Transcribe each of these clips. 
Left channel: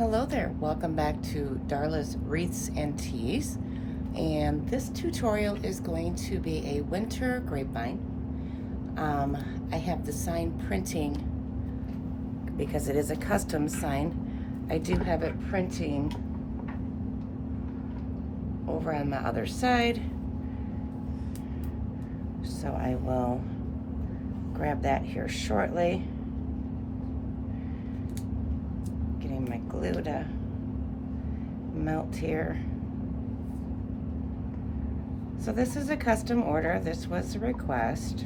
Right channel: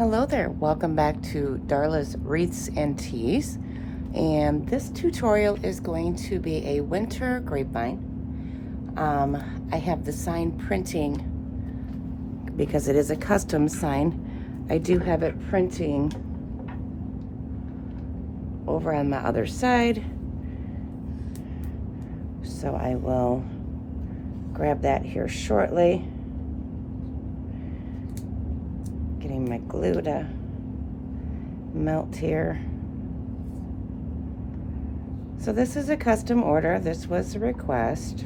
Hello there, welcome back to Darla's Wreaths and Teas, and this tutorial is going to be a winter grapevine. I have the sign printing because it is a custom sign. I do have it printing over on my other side, so I will grab that here shortly. Getting my glue to melt here. So this is a custom order. This was a request.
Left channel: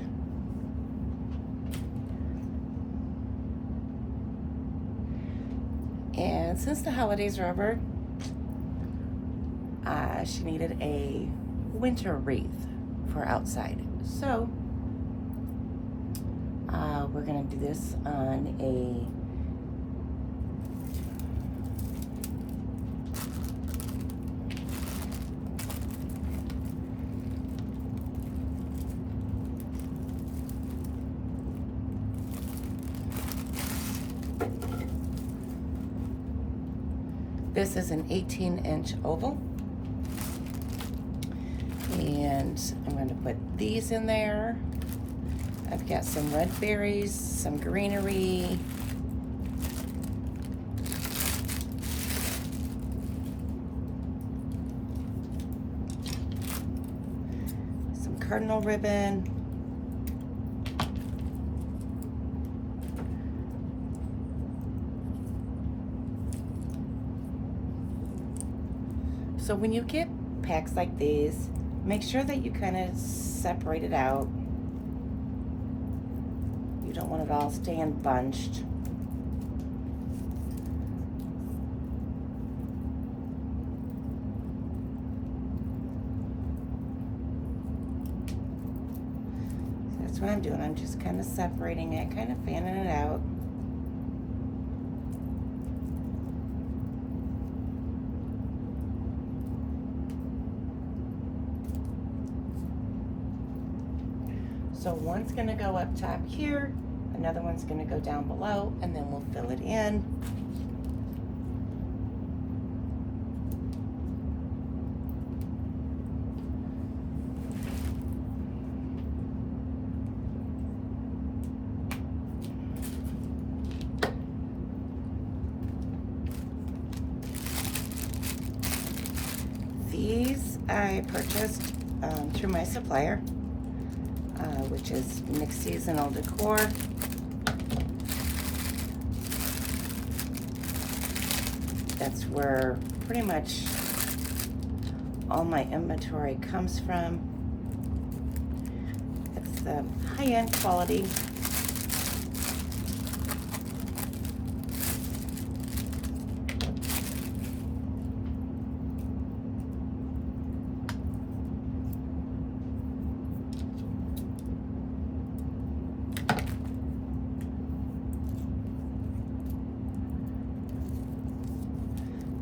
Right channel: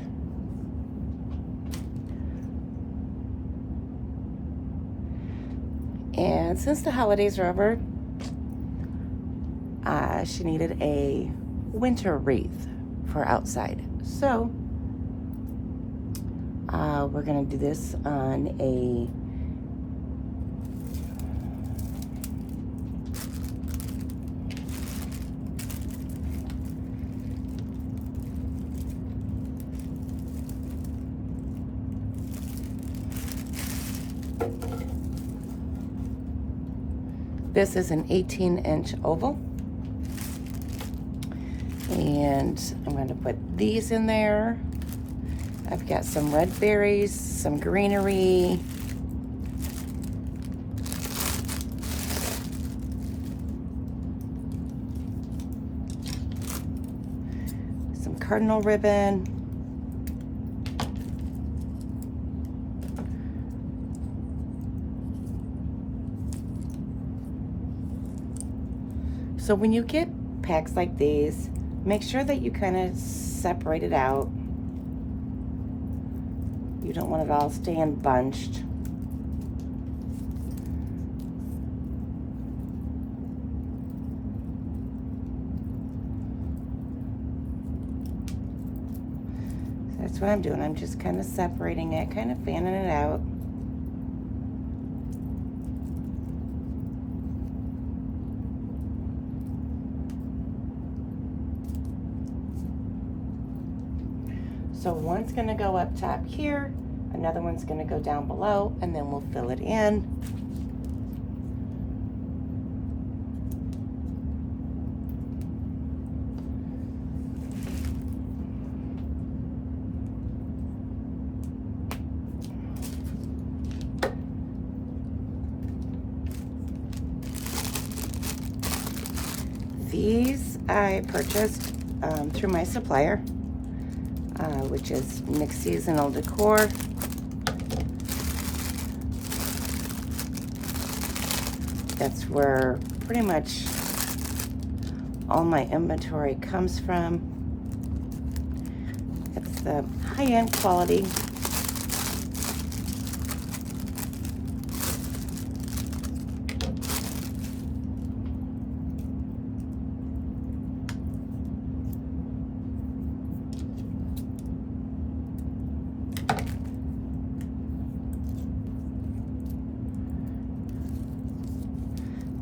And since the holidays are over, she needed a winter wreath for outside. So we're gonna do this on a This is an 18-inch oval, and I'm going to put these in there. I've got some red berries, some greenery, some cardinal ribbon, so when you get packs like these, make sure that you kind of separate it out. You don't want it all staying bunched. So that's what I'm doing. I'm just kind of separating it, kind of fanning it out. So one's going to go up top here, another one's going to go down below, and then we'll fill it in. These I purchased through my supplier, which is Mixed Seasonal Decor. That's where pretty much all my inventory comes from. It's the high-end quality.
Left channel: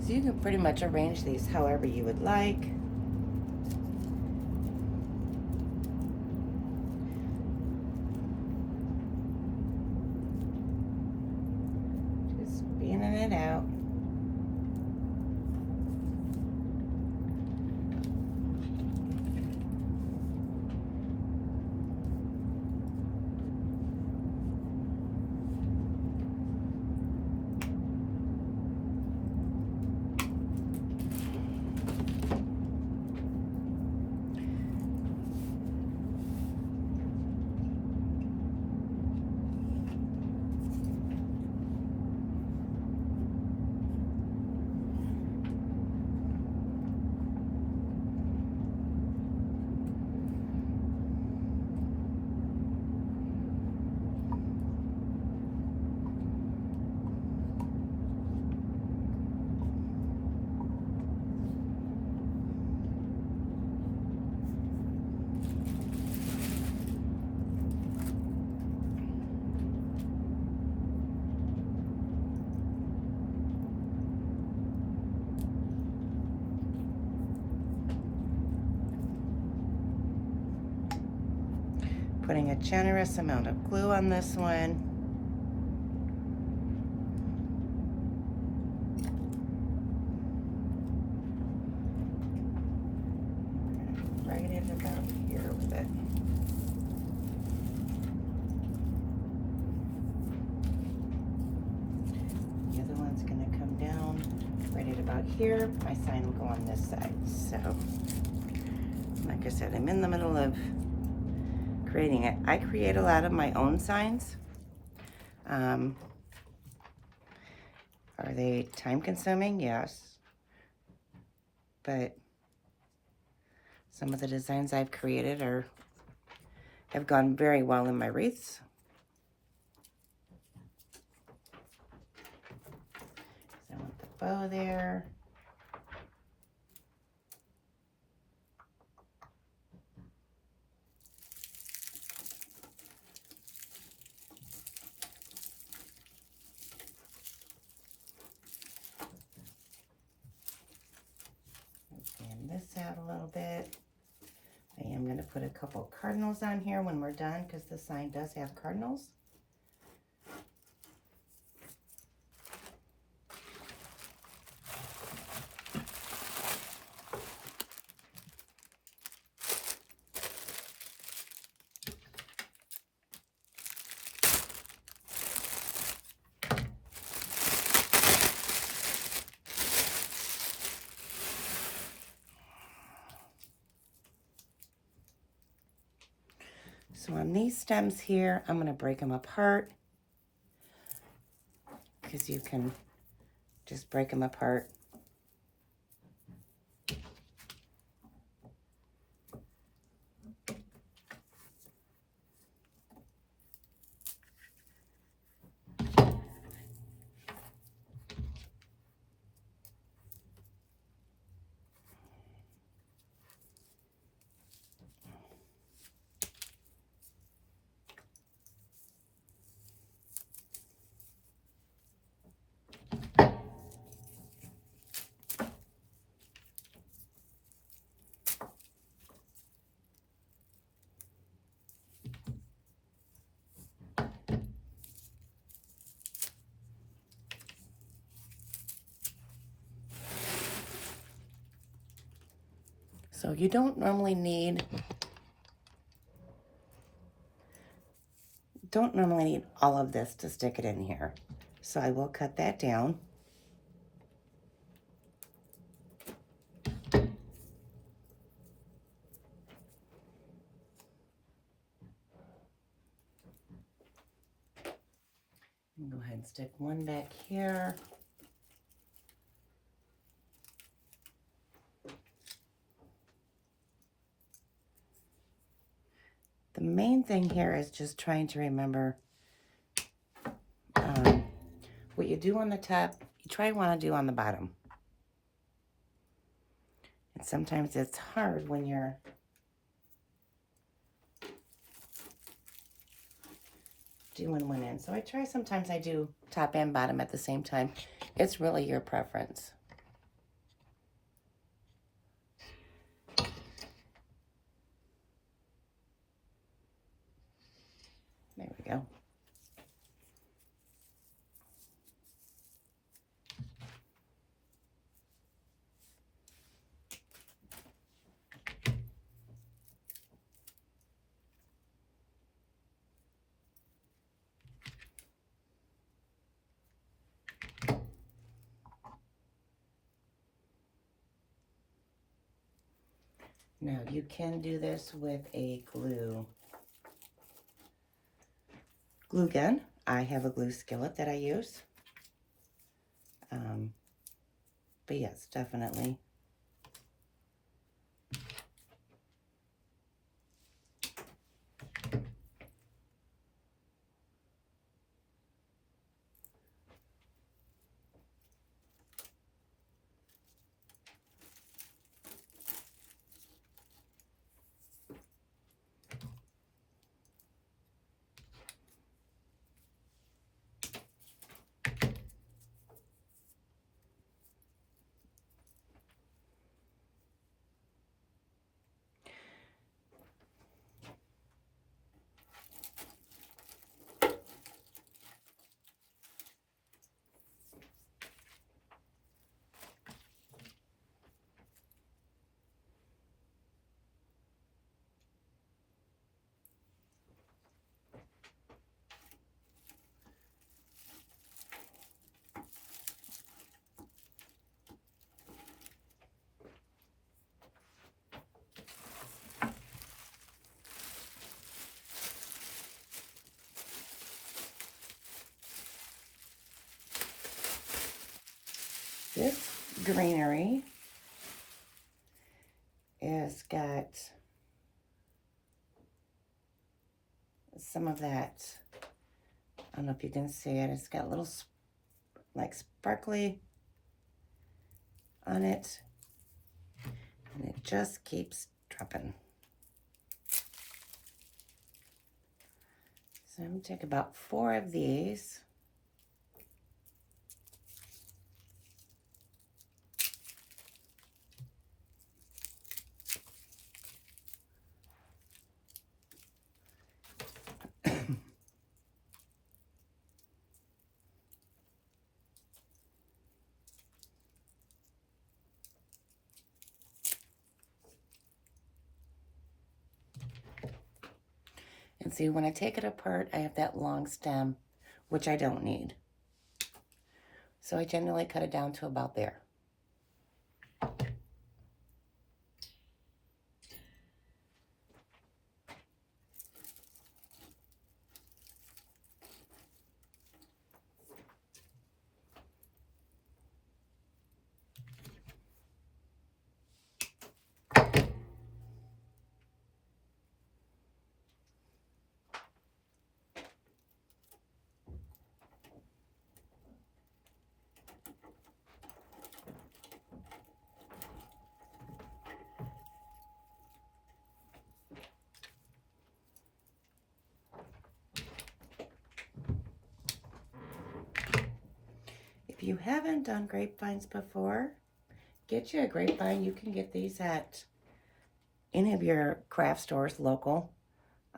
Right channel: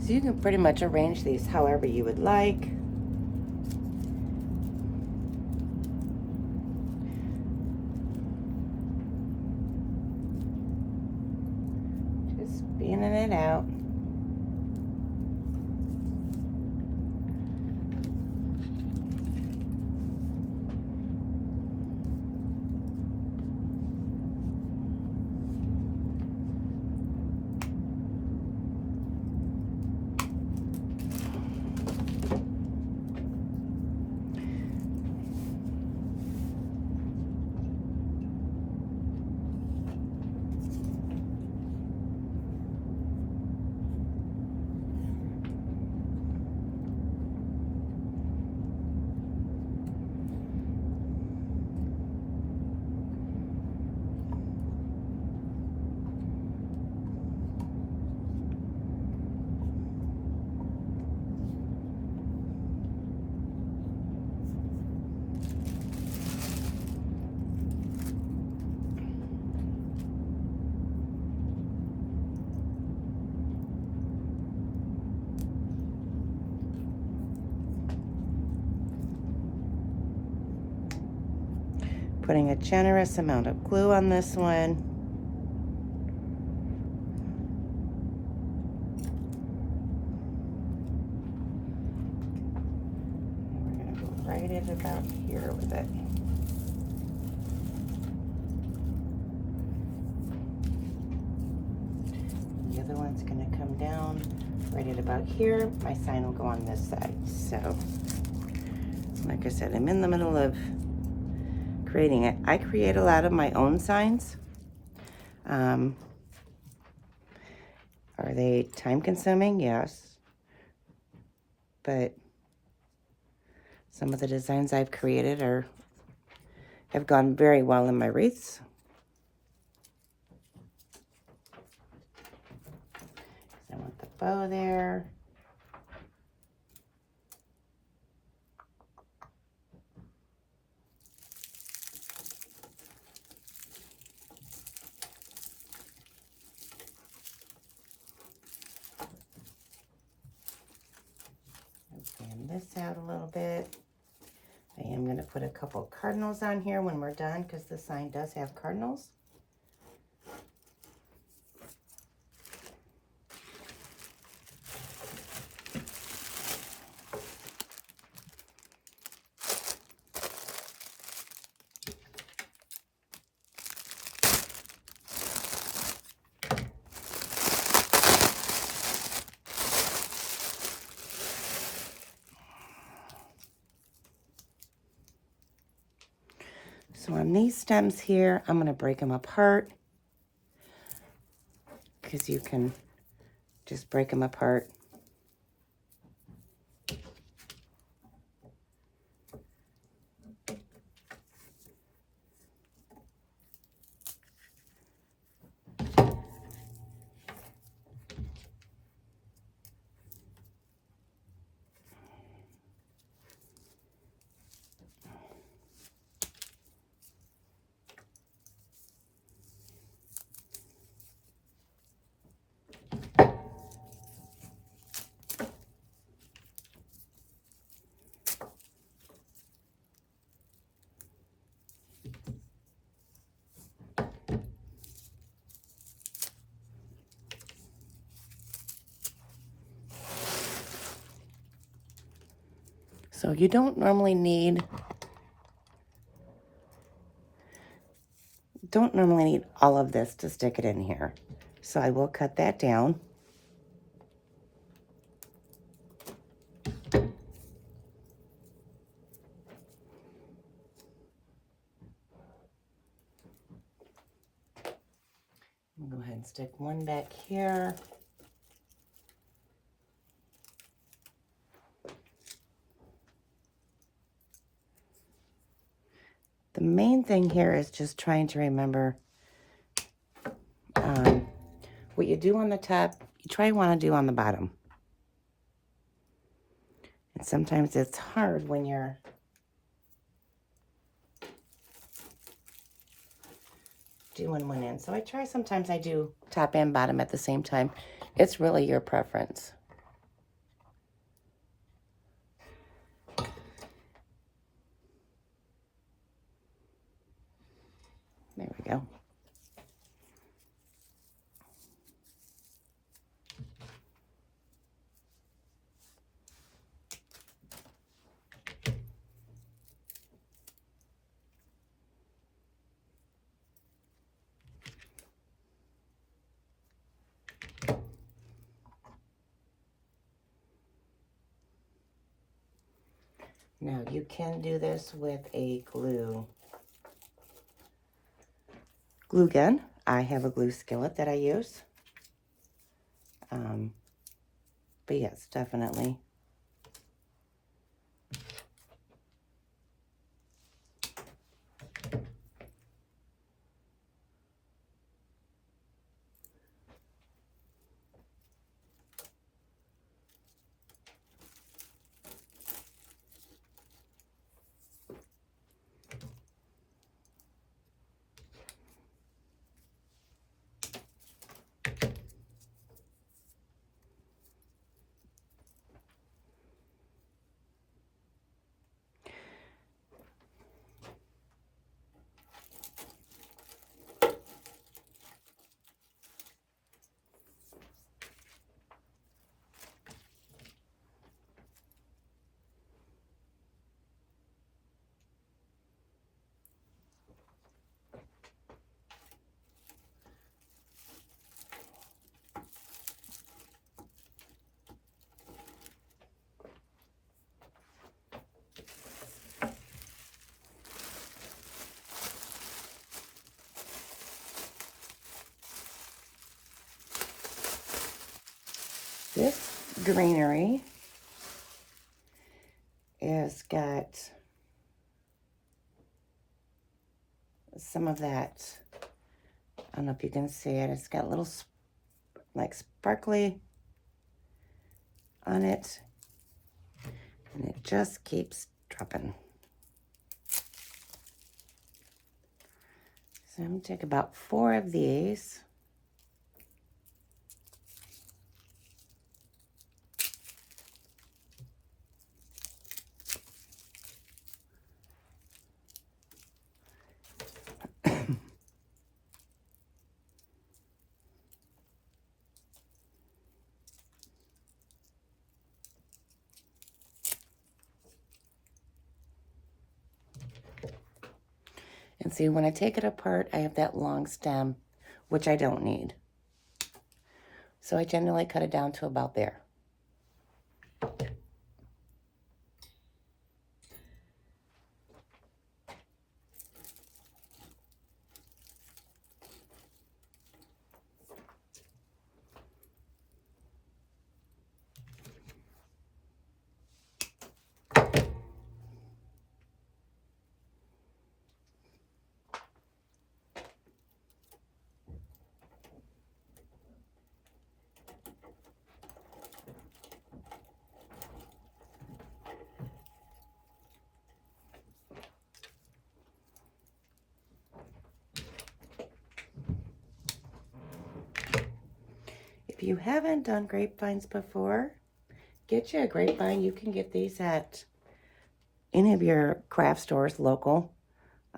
So you can pretty much arrange these however you would like. Just fanning it out. Putting a generous amount of glue on this one. about here, my sign will go on this side. So, like I said, I'm in the middle of creating it. I create a lot of my own signs. Are they time consuming? Yes. But some of the designs I've created have gone very well in my wreaths. I want the bow there. Fan this out a little bit. I am going to put a couple cardinals on here when we're done because the sign does have cardinals. So on these stems here, I'm going to break them apart because you can just break them apart. So you don't normally need all of this to stick it in here. So I will cut that down. I'll go ahead and stick one back here. The main thing here is just trying to remember what you do on the top, you try to want to do on the bottom. And sometimes it's hard when you're doing one end. So sometimes I do top and bottom at the same time. It's really your preference. There we go. Now you can do this with a glue gun. I have a glue skillet that I use. But yes, definitely. This greenery is got some of that, I don't know if you can see it, it's got little like sparkly on it, and it just keeps dropping. So I'm going to take about 4 of these. And see, when I take it apart, I have that long stem, which I don't need. So I generally cut it down to about there. If you haven't done grapevines before, get you a grapevine. You can get these at any of your craft stores local.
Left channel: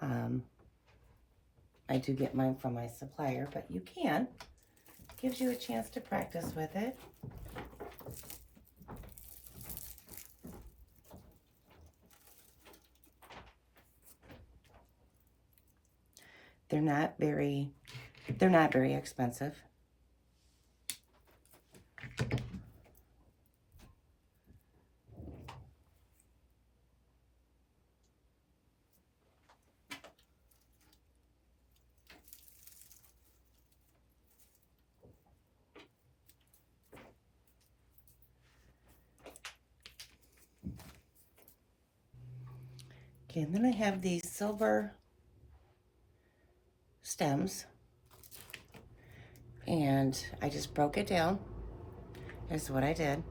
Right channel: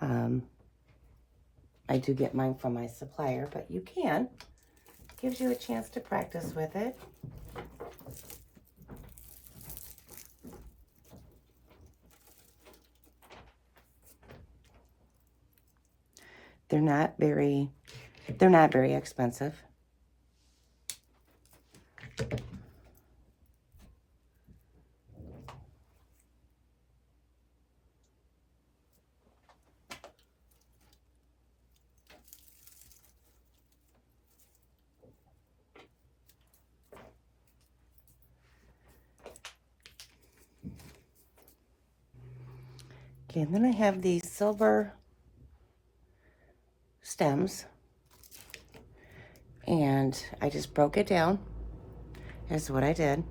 I do get mine from my supplier, but you can. Gives you a chance to practice with it. They're not very expensive. Okay, and then I have these silver stems, and I just broke it down. Here's what I did.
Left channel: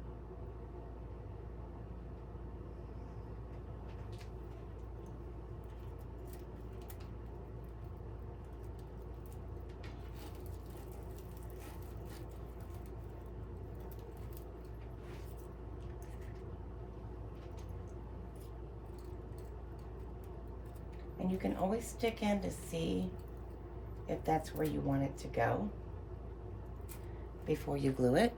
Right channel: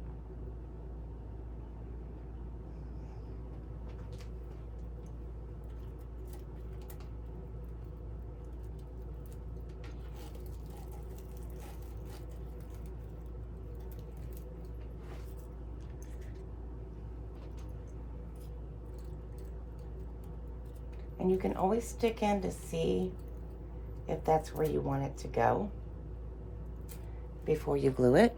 And you can always stick in to see if that's where you want it to go before you glue it.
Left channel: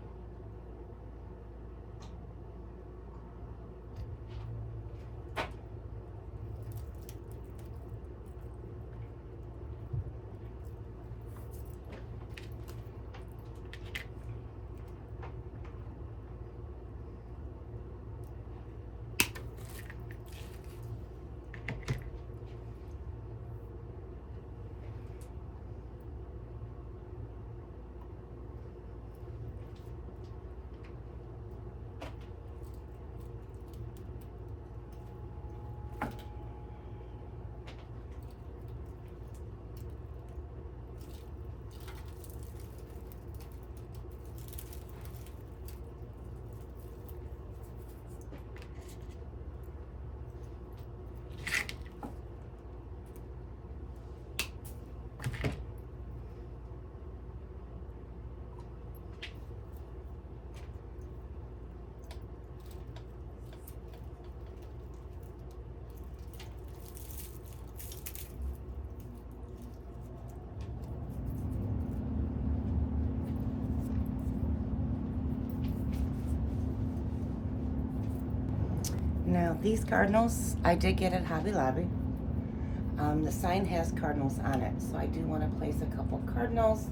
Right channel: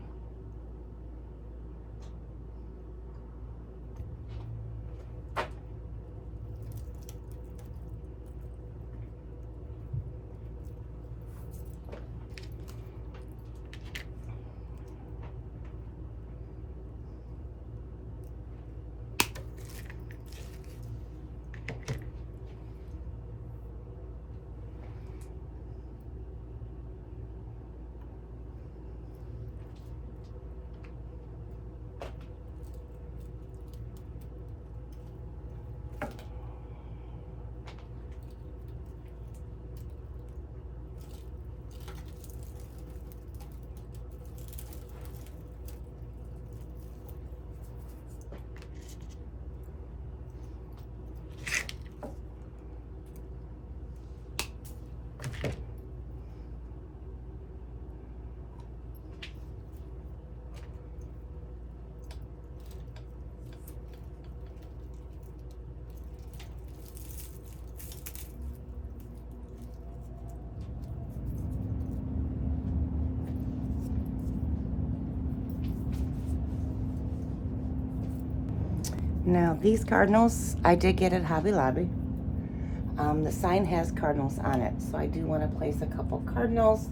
Now these Cardinals, I did get at Hobby Lobby. The sign has Cardinals on it, so I do want to place a couple Cardinals.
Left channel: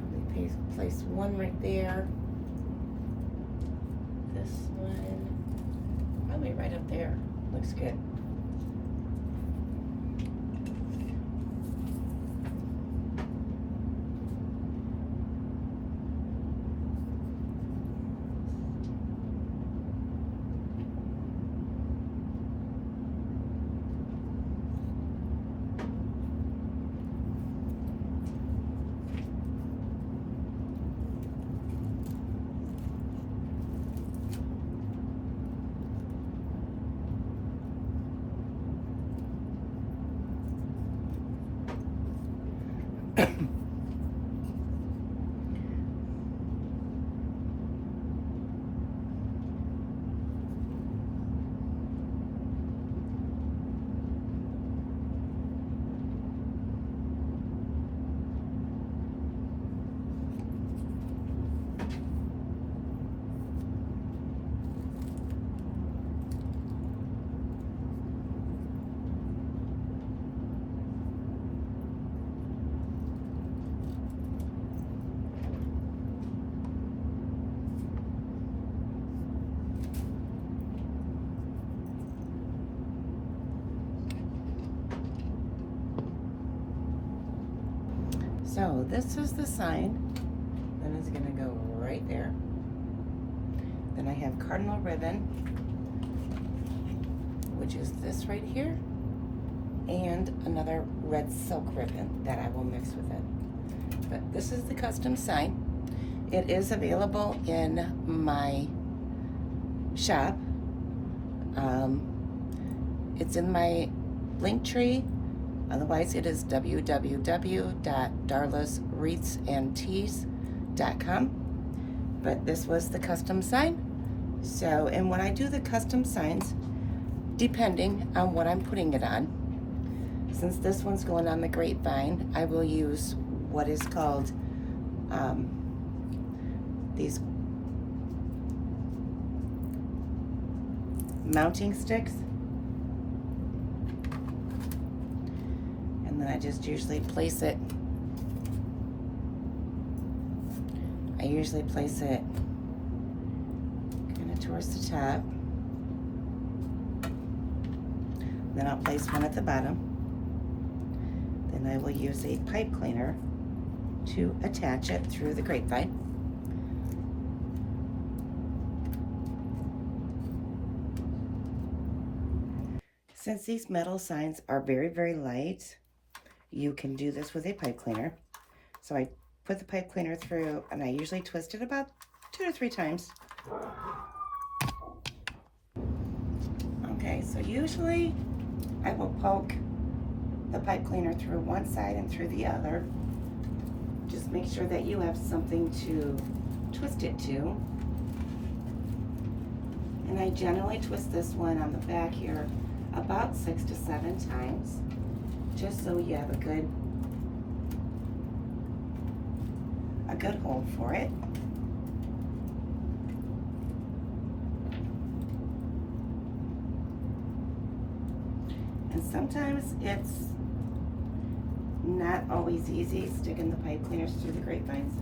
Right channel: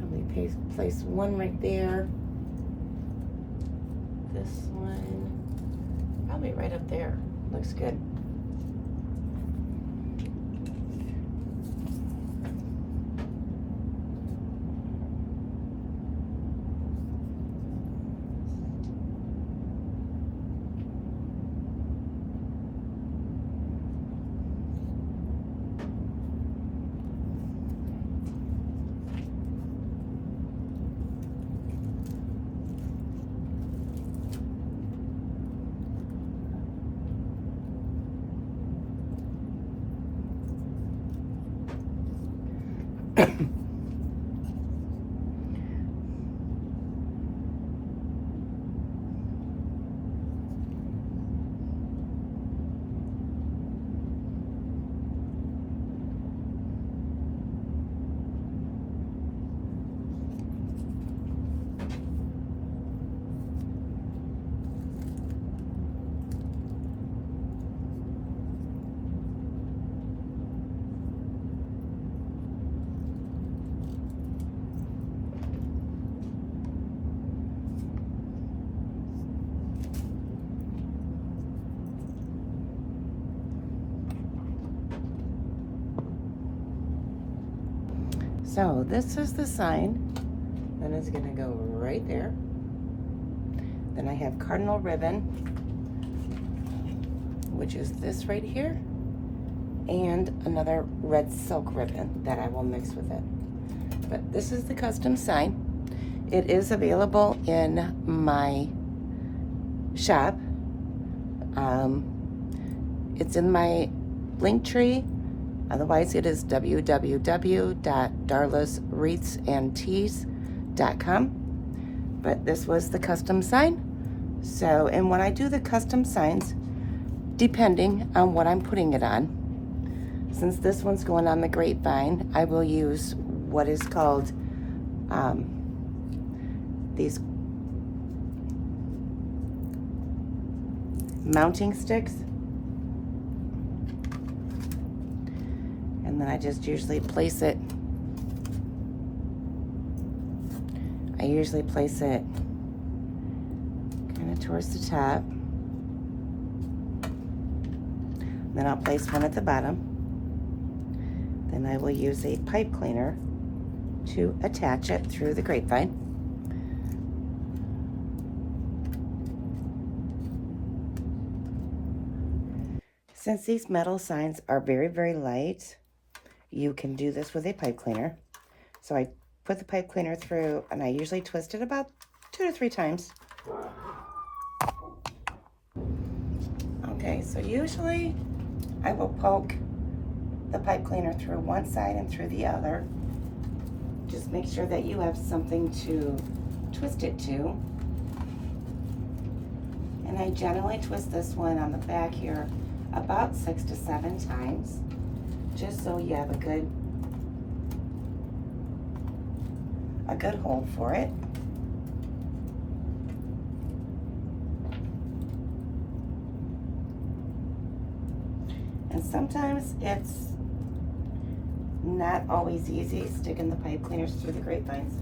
Probably place one right there. This one, probably right up there. Looks good. So this is the sign, and it's going to go right there. Then I have Cardinal ribbon, which is this right here, and another red silk ribbon that I will mix with it. But this is the custom sign. It is available in my shop. It's in my link tree. Otherwise, it is www.darlaswreathsandtees.com. But this was the custom sign. So, and when I do the custom signs, depending on what I'm putting it on, since this one's going on the grapevine, I will use what is called these mounting sticks. And then I just usually place it, kind of towards the top. Then I'll place one at the bottom. Then I will use a pipe cleaner to attach it through the grapevine. Since these metal signs are very, very light, you can do this with a pipe cleaner. So I put the pipe cleaner through, and I usually twist it about 2 to 3 times. Okay, so usually I will poke the pipe cleaner through one side and through the other. Just make sure that you have something to twist it to. And I generally twist this one on the back here about 6 to 7 times, just so you have a good hold for it. And sometimes it's not always easy sticking the pipe cleaners through the grapevines.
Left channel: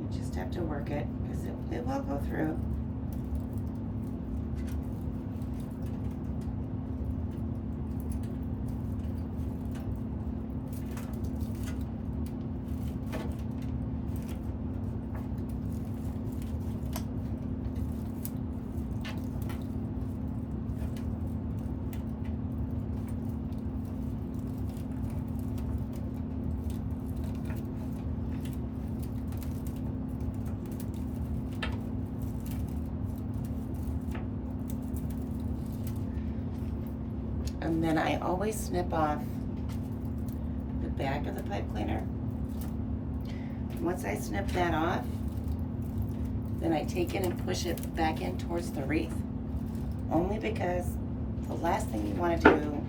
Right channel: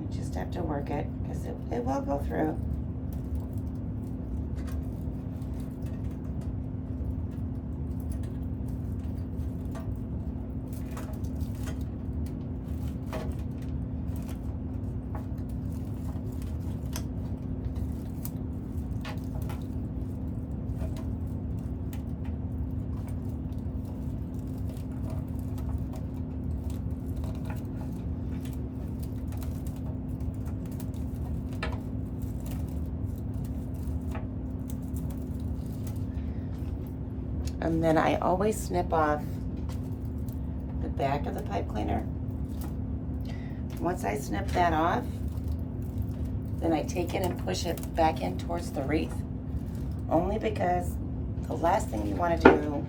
You just have to work it, because it will go through. And then I always snip off the back of the pipe cleaner. Once I snip that off, then I take it and push it back in towards the wreath. Only because the last thing you want to do,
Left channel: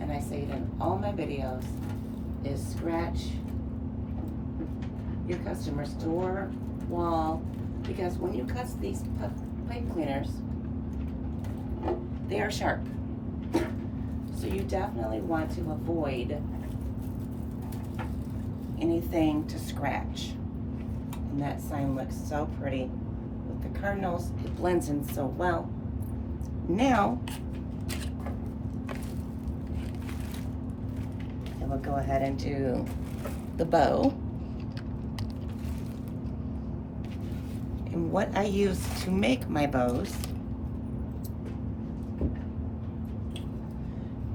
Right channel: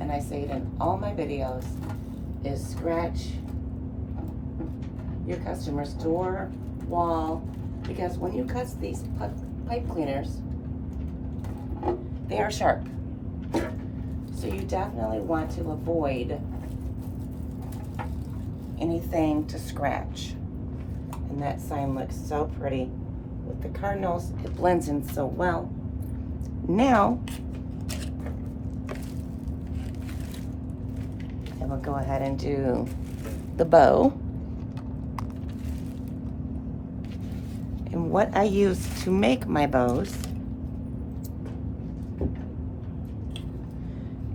and I say it in all my videos, is scratch your customer's door, wall, because when you cut these pipe cleaners, they are sharp. So you definitely want to avoid anything to scratch. And that sign looks so pretty with the Cardinals. It blends in so well. Now, I will go ahead and do the bow. And what I use to make my bows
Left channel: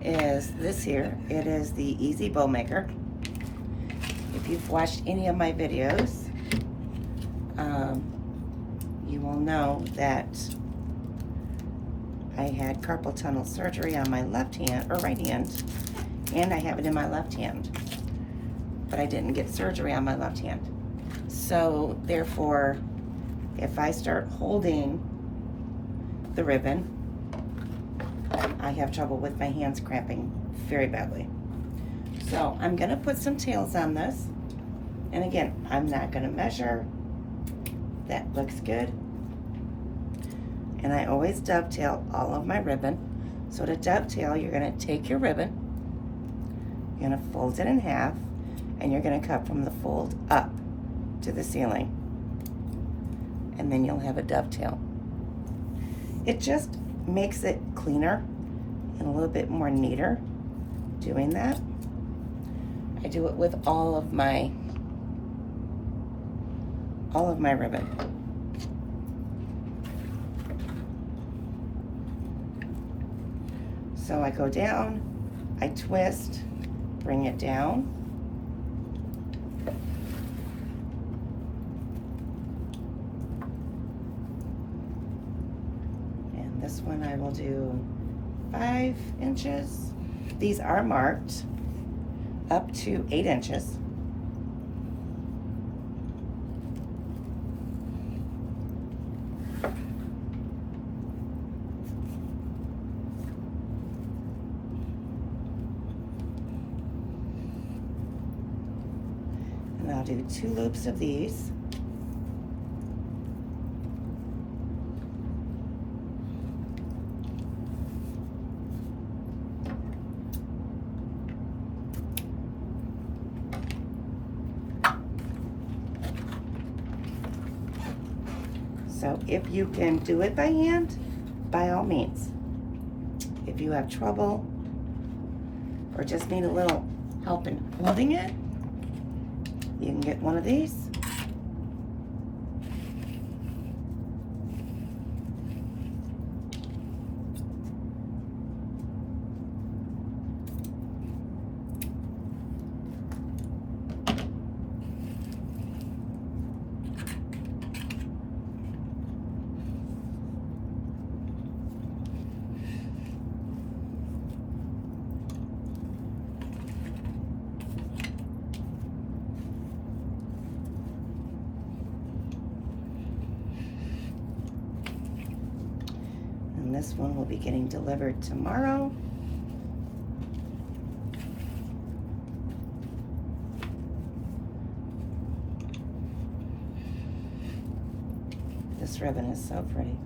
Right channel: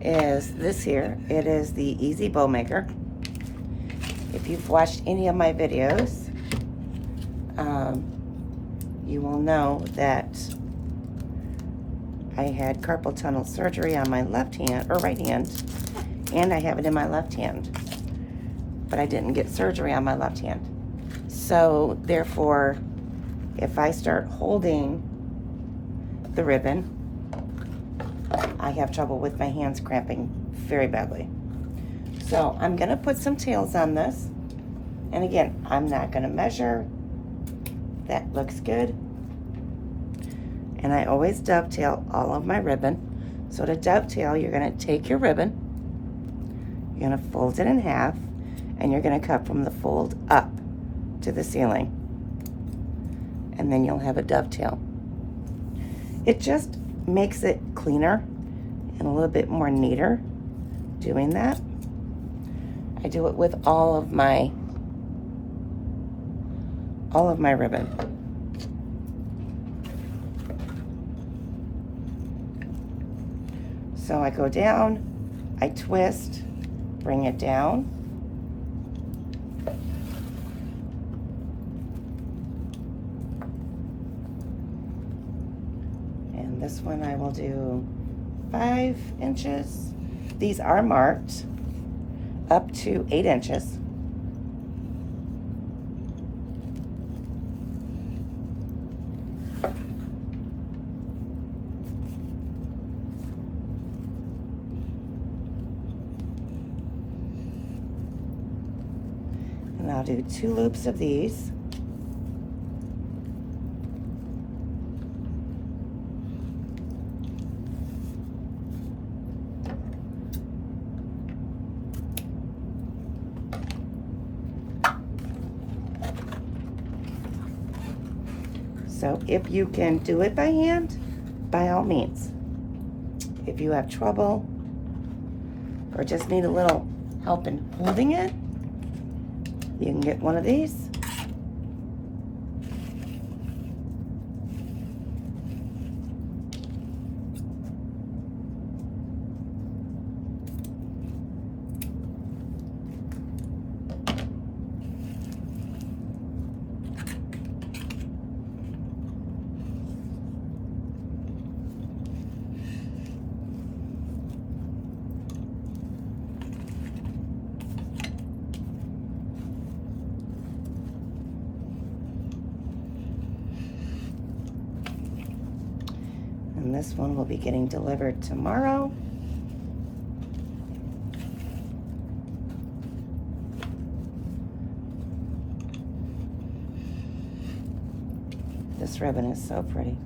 is this here. It is the Easy Bow Maker. If you've watched any of my videos, you will know that I had carpal tunnel surgery on my left hand, or right hand, and I have it in my left hand. But I didn't get surgery on my left hand. So therefore, if I start holding the ribbon, I have trouble with my hands cramping very badly. So I'm gonna put some tails on this. And again, I'm not gonna measure. That looks good. And I always dovetail all of my ribbon. So to dovetail, you're gonna take your ribbon, you're gonna fold it in half, and you're gonna cut from the fold up to the ceiling. And then you'll have a dovetail. It just makes it cleaner and a little bit more neater doing that. I do it with all of my ribbon. So I go down, I twist, bring it down, and this one I will do 5 inches. These are marked up to 8 inches. And I'll do 2 loops of these. So if you can do it by hand, by all means. If you have trouble or just need a little help in holding it, you can get one of these. And this one will be getting delivered tomorrow. This ribbon is so pretty.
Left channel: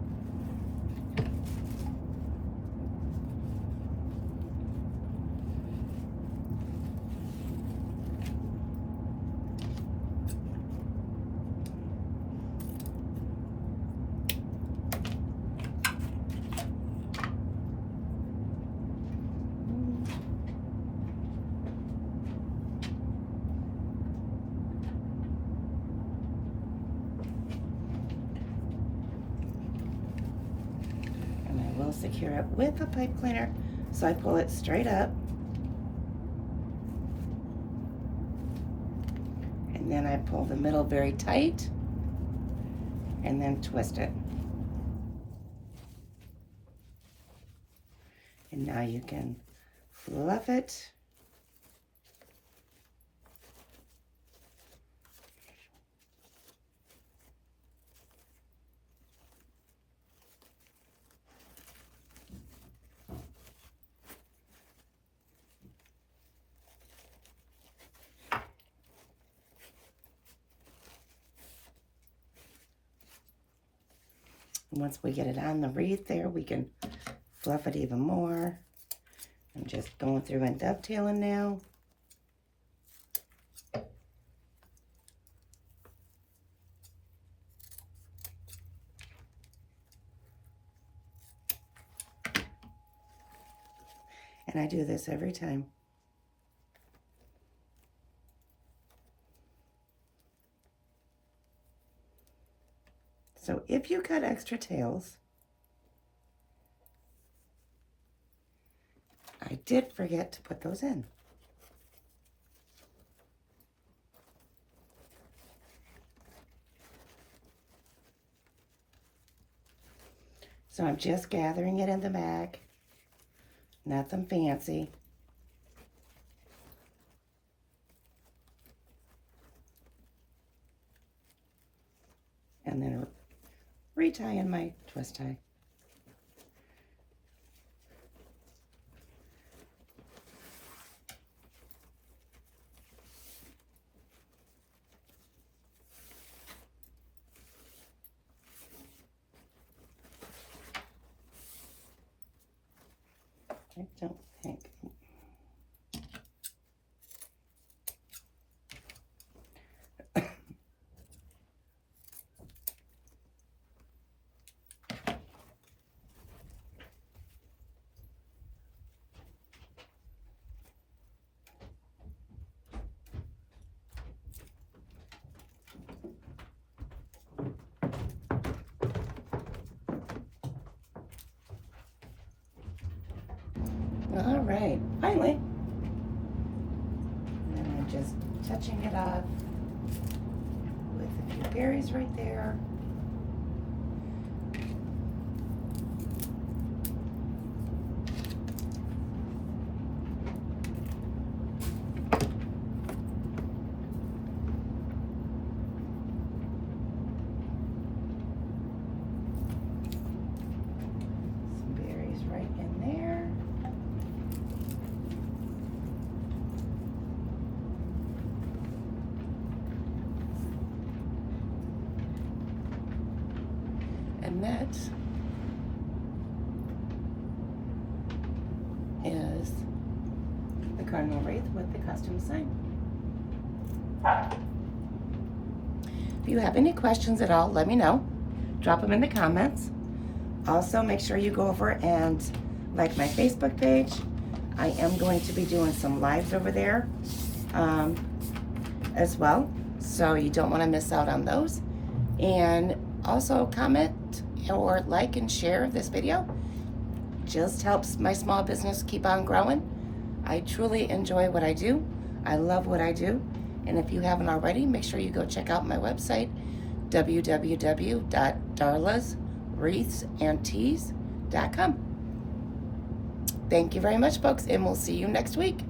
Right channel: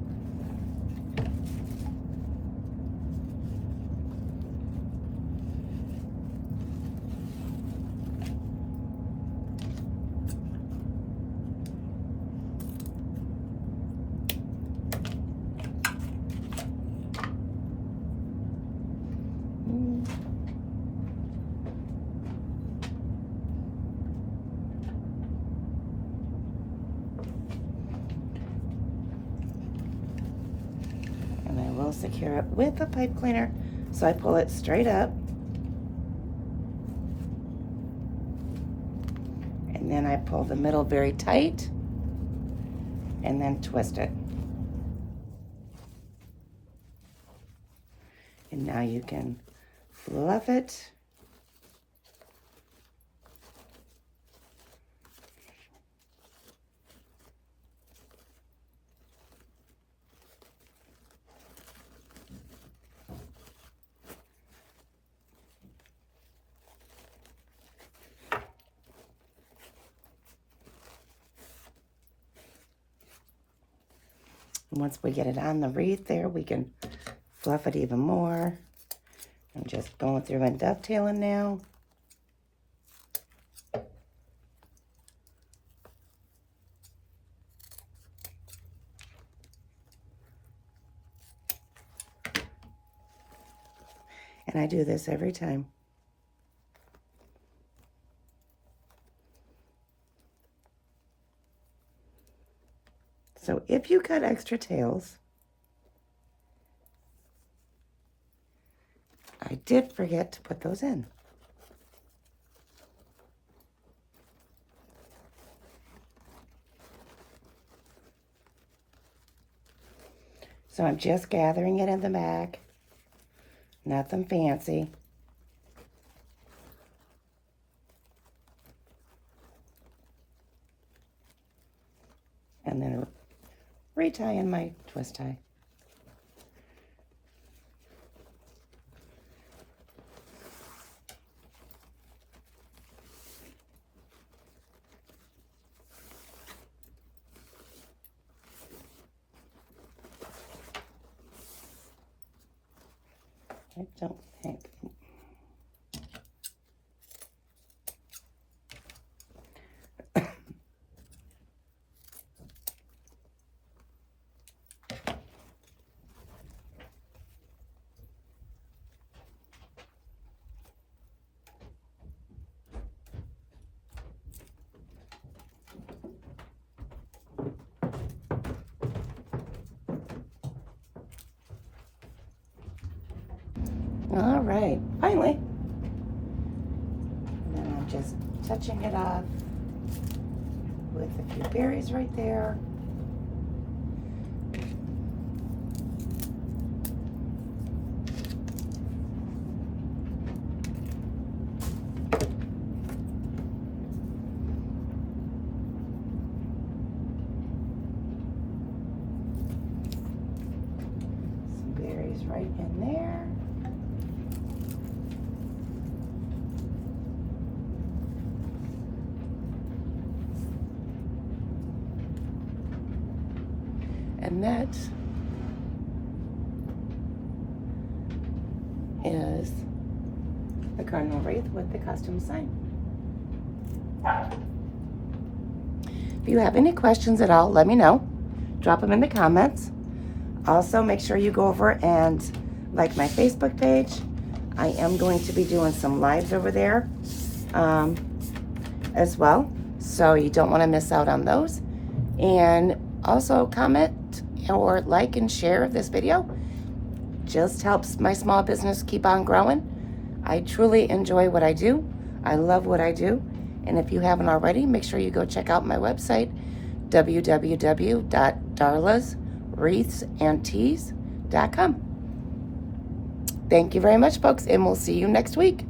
Secure it with a pipe cleaner, so I pull it straight up, and then I pull the middle very tight and then twist it, and now you can fluff it. And once we get it on the wreath there, we can fluff it even more. I'm just going through and dovetailing now. And I do this every time. So if you cut extra tails, I did forget to put those in. So I'm just gathering it in the back. Nothing fancy. And then retying my twist tie. I don't think. All right, finally. And I'm just touching it off with a few berries right there. Some berries right in there. And that is the Cardinal Wreath with the custom sign. If you have any questions at all, let me know. Drop them in the comments. Also, make sure you go over and like my Facebook page. I am going to be doing some lives over there as well, so you don't want to miss out on those. And also comment or like and share this video. Just helps my small business keep on growing. I truly enjoy what I do. I love what I do. And if you haven't already, make sure you go check out my website, www.darlaswreathsantees.com. Thank you very much, folks, and we'll see you next week.